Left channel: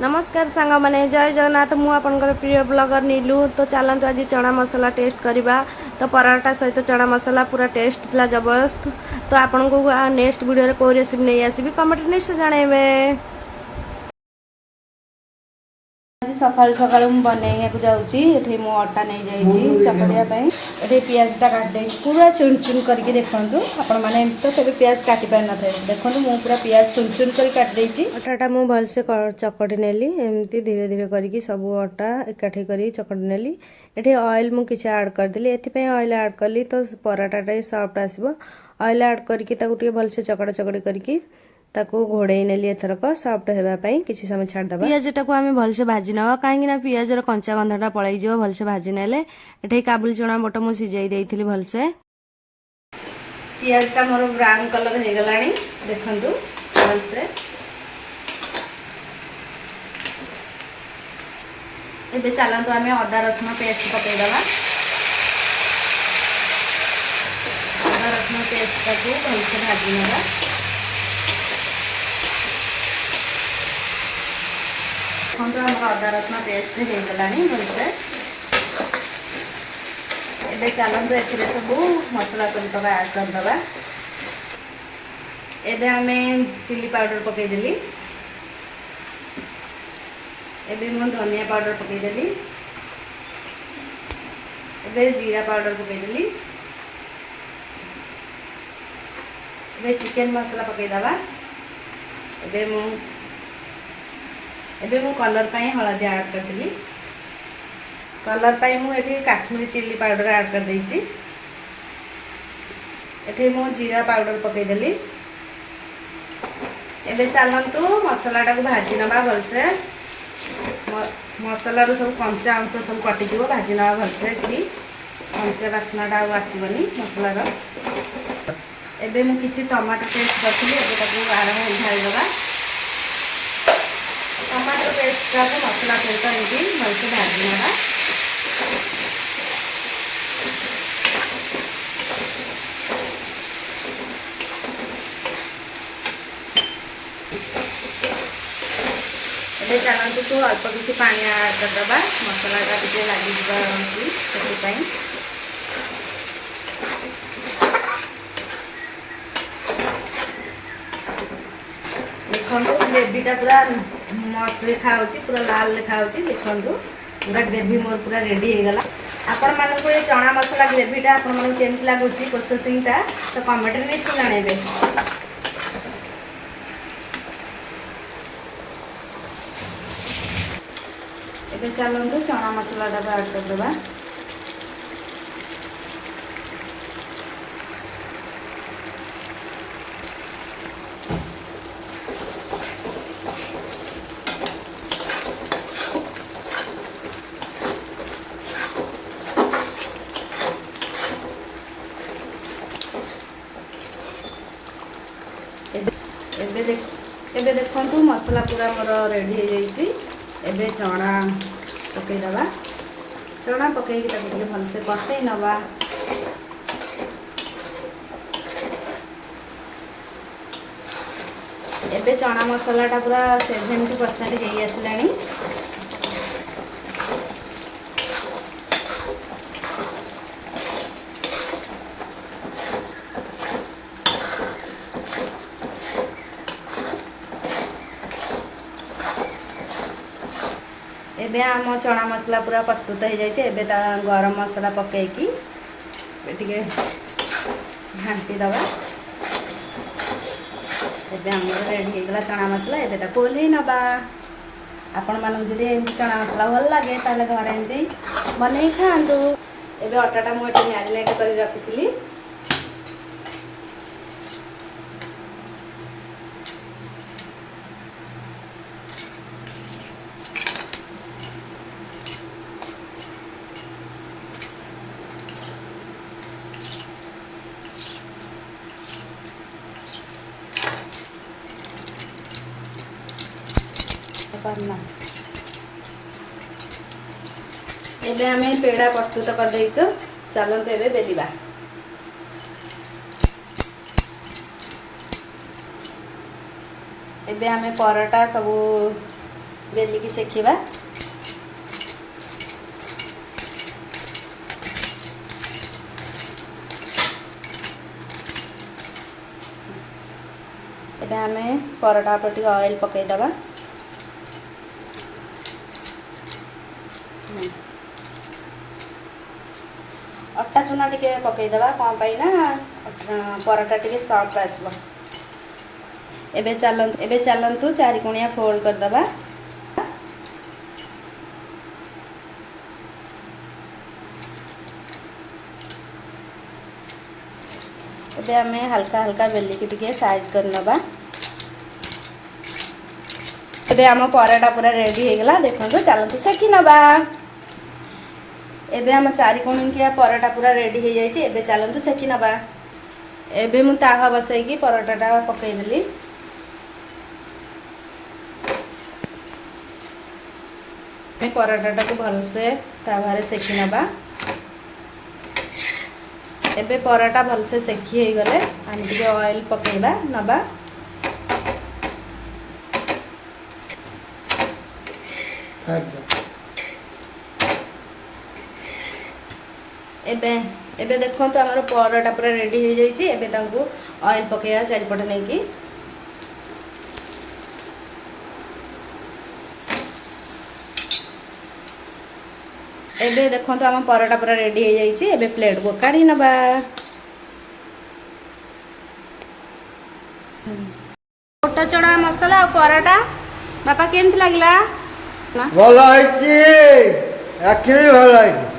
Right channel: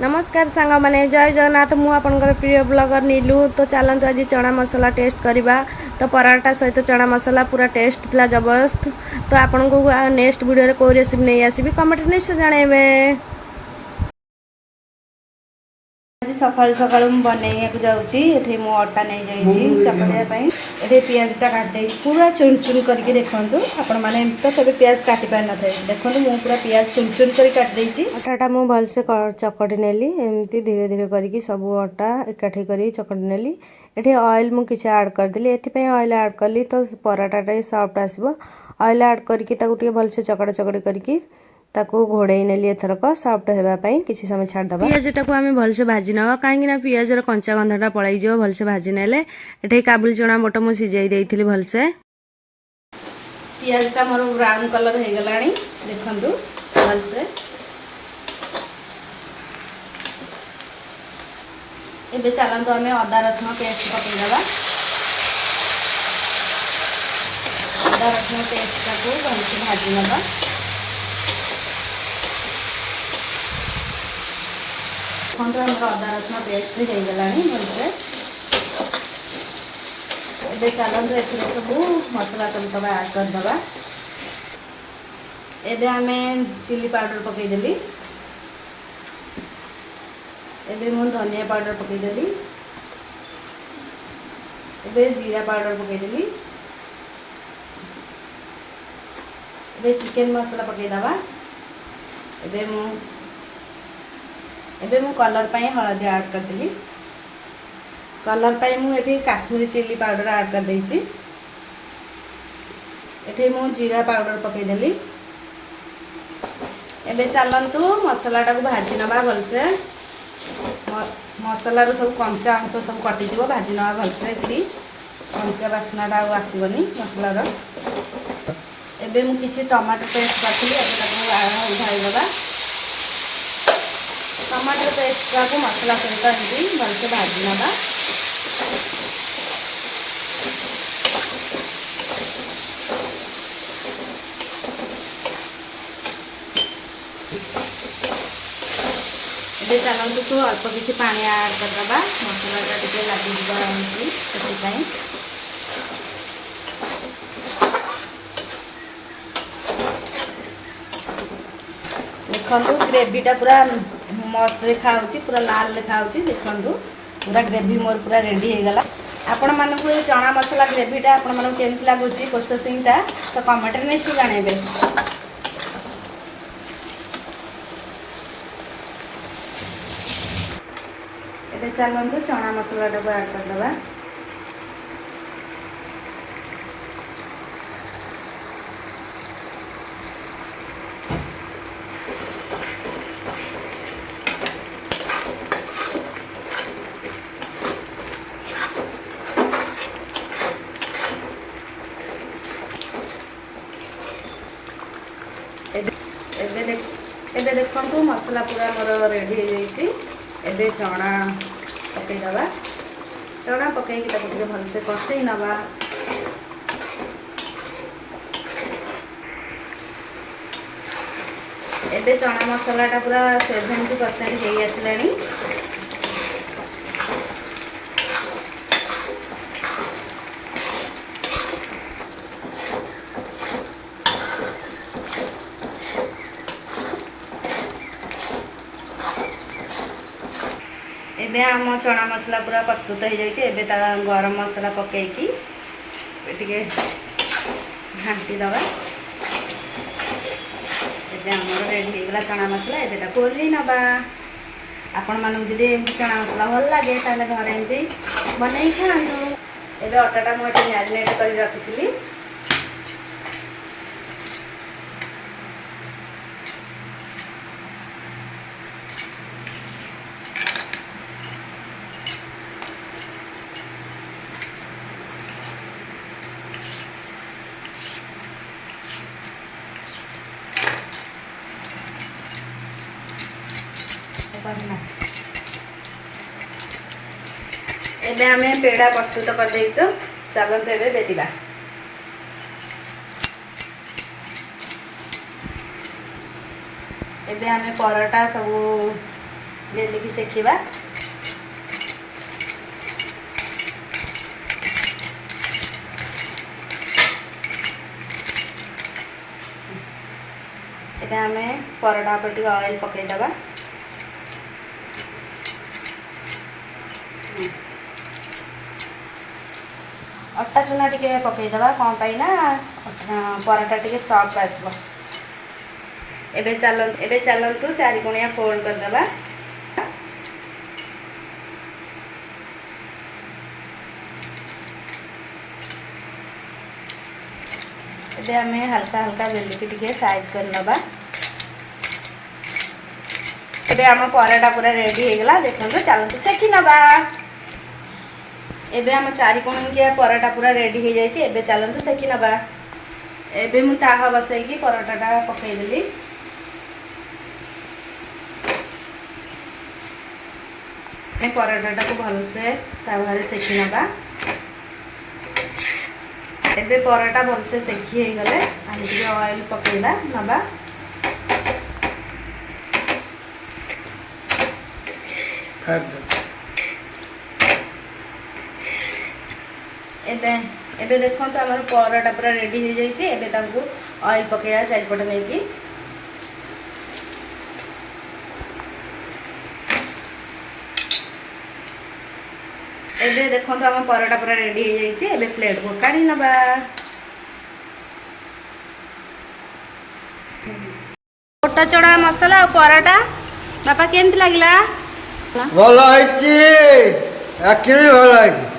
नमस्कार सांग मैंने जय जगन्नाथ मु आपनकर प्रिय ब्लॉगर नीलू। तो चलतु आज चना मसला टेस्ट करवा। तो पराठा सहित चना मसला पूरा टेस्ट था जबरदस्त। तो आपन को नेक्स्ट वीडियो को रेसिपी नहीं आसबि कमेंट निश्चय जानवे। आज सकाल सकाल बनैया जाऊँगी मो अटा नहीं जाइए चकड़िया ये पियाजटा काटदे पूरा चुन चुन करके देखूँ आपण मैंने तो कभी पियाज काटी पार न थे देखो मु पूरा पियाज चुन चुन कर काटदे अटाटा मु भलसे चकटी नेली एमती धीरे धीरे करके सब अटा एकाठी कर चकटी नेली। ये ऑयल मु किसी ऐड करदेली एथि ऑयल ऐड कली तो पराठाटा सॉफ्ट आसो। ऑयल ऐड करके भलसे चकड़ा चकड़ी करके ताकू घोड़े नेली एथरक सॉफ्ट होगापाई किसी समय छाड़दे। पियाजटा को आम भलसे भाजी नवा कहीं पियाजर कंचा गंधाटा पलैज भलसे भाजी नेले। ये काबुली चना बट मु सिझाई देइथिली भलसे। पियाजटा मोर ब्राउन कलर हो गलानी देखंतु भलसे। एबे चलंतु आमे अदा रसुण पेस्ट पकेइदबा। अदा रसुण पेस्टटा को भलसे भाजी नबा। अदा रसुण पेस्ट हो गलानी भलसे। एबे चलंतु एथिरे सब मसला सब ऐड करदबा। एबे आमे चिली पाउडर पकेइदेली। एबे मु धनिया पाउडर पकेइदेली। एबे जीरा पाउडर पकेइदेली। एबे चिकन मसला पकेइदबा। एबे मु कलर पाई हळदी ऐड करदेली। कलर पाई मु एठी काश्मीरी चिली पाउडर ऐड कर देइछि। एठी मु जीरा पाउडर पकेइदेली। एबे चलंतु मसलाटा को भाजी नबा भलसे। मसला रो सब कंचा अंश सब कटि जीवो भाजी नबा भलसे कि कंचा बास्नाटा आसीबनी मसला रो। एबे मु किछि टमाटो पेस्ट करथिली एबे ताको उठाई दबा। टमाटो पेस्ट का मसला सहित एमती भलसे भाजी नबा। चलते तो अल्प किसी पानी ऐड करदबा मसलाटा टे लगी देखते ग्रेवीटा पूरा मस्त देखा पूरा लाल देखा देखु पूरा ग्रेवी मोर पूरा रेडी हो गला। आपण मानक ये चना मसला ग्रेवीटा आपण मानक केमती लगुच प्रोसेसिंगटा तो कमेंट में निश्चय जानवे। चलते चना मसलाटा को ऐड करदबा। एबे देखंतु मसला पूरा मोर रेडी हो जाइछि। एबे चना पकईदबा। चना पकईकि ताको भलसे कषई नबा। एबे चना मसलाटा पूरा 70% हो आसलानी। एबे आम चना मसला पूरा प्रस्तुत हो जाइए। एबे ता गरम मसला पकईकि टिके घाटी दबा। एबे हमर रेडी हो गला चना मसला। एबे ता कोली नबा। आपण मानक जदि चना मसला भल लागे ताले घर एमती बनै खांदो। एबे अटाटा मु एटे मैरिनेट कर रखिथिली। एबे आमे पेड़ा प्रस्तुत कर देइछो। चलते एबे बेलिबा। एबे आमे पराठा सब ବେଲିକି ସେକିବା। ଏବେ ଆମେ ପରଟା ଉପରେ ଟିକେ ଅଏଲ୍ ପକେଇଦେବା। ଅଟା ଚୁନା ଟିକେ ପକେଇଦେବା, କ'ଣ ପାଇଁ ନା ପରଟା ଟିକେ ସଫ୍ଟ ଆସିବ। ଏବେ ଚାଲନ୍ତୁ 4 କୋଣିଆ ଫୋଲ୍ଡ କରିଦେବା। ଏବେ ଆମେ ହାଲକା ହାଲକା ବେଲିକି ଟିକେ ସାଇଜ୍ କରି ନେବା। ଏବେ ଆମ ପରଟା ପୁରା ରେଡ଼ି ହେଇଗଲା। ଦେଖନ୍ତୁ ଚାଲନ୍ତୁ ସେକି ନେବା। ଏବେ ଆମ 4 କୋଣିକିଆ ପରଟା ପୁରା ରେଡ଼ି ହେଇଯାଇଛି। ଏବେ ଚାଲନ୍ତୁ ସେକି ନେବା। ଏବେ ମୁଁ ତାୱା ବସାଇକି ପରଟାଟା ପକାଇଦେଲି। ପରଟାଟାକୁ ଭଲସେ ତାୱାରେ ସେକି ନେବା। ଏବେ ପରଟା ଭଲସେ ସେକି ହେଇଗଲେ ଆମେ ଟିକେ ଅଏଲ୍ ପକାଇବା ନେବା। ଏବେ ଦେଖନ୍ତୁ ଆମର ପରଟା ପୁରା ରେଡ଼ି ହେଇଯାଇଛି। ଏବେ ତାକୁ ଅଏଲ୍ ପକାଇବା ଚାରିପଟେ ନେଇକି। ଏବେ ଦେଖନ୍ତୁ ଆମ ପରଟା ପୁରା ରେଡ଼ି ହେଇଯାଇଛି। ଏବେ ପ୍ଲେଟ୍କୁ କାଢ଼ି ନେବା। ବୁଟ ଚଣା ମସଲା ଆଉ ପରଟା ବାପା କେମିତି ଲାଗିଲା? ଭଲ ହେଇଛି, ଆଖି ବି ଭଲ ହେଇଛି।